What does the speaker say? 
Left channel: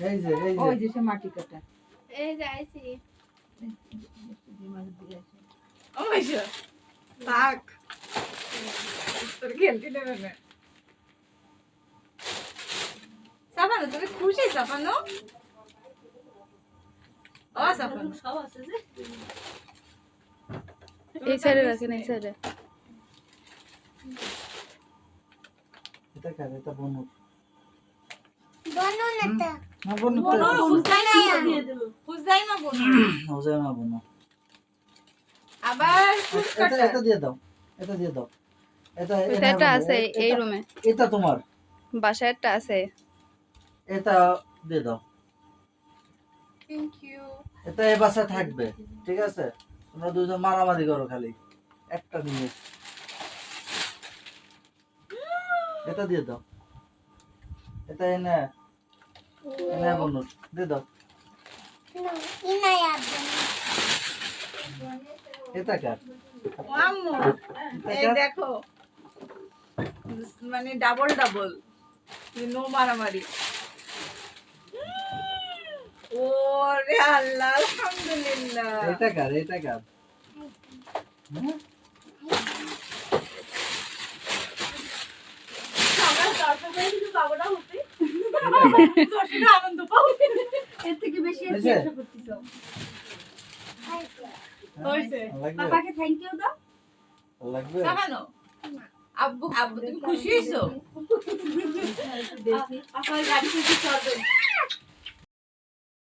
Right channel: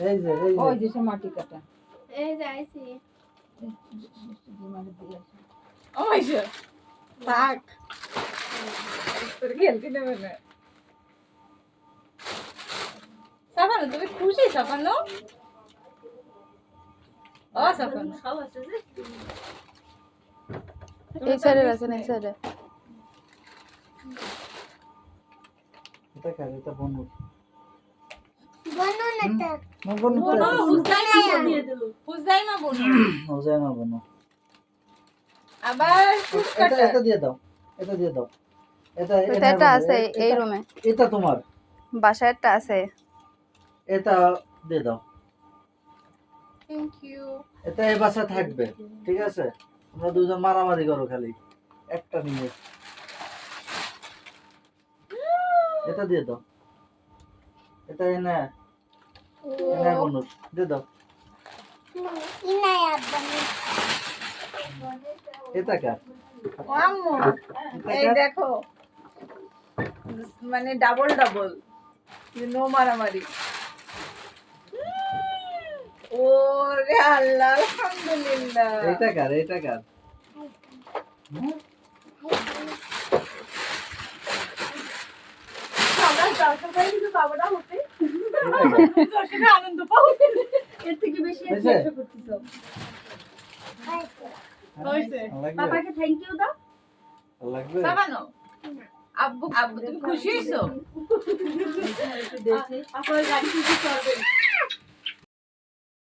এই যে ওই যে সে মাটি কাটা এই যাইছি ও মাইশা থাক তোর খেলতে দেবে না সাফানো তুমি খুশি সাফানো ও সাফানো সব আছে যে এই সাইডে রাখেন এই সাইডে এটা কার এটা বনু বনু না তো বনু দিয়ে দিল ফুজাইমা বনু ওজামা বনু আবার এটা দিয়ে দাও এটা দিয়ে দাও এটা এটা আছে এই রুমে এটা তোমার বাসায় একটা আছে এটা দিয়ে দাও থ্যাংক ইউ এটা এই বাসায় থাকবে ঠিক আছে তোমরা দুজন মারামারি করো খালি একটা নিয়ে এটা দিয়ে দাও এটা এনে এনে বনু দিয়ে দাও এটা কার ও আম্মু এই দেখো মানে ডাবল ডাবল নো মারামারি ওরে আল্লাহ আলহামদুলিল্লাহ এটা কার এটা কার আমরা দরকার পড়ে কিন্তু পাবো না হতে তোর সাথে আনন্দ পাও এর থেকে বেশি আর কি আশা করতেছো হইছে পাপাকে থ্যাংক ইউ দাও লাগবে সাবানো আব্বু আব্বু তুমি খুশি হইছো আপনার গাড়ি খুশি করবেন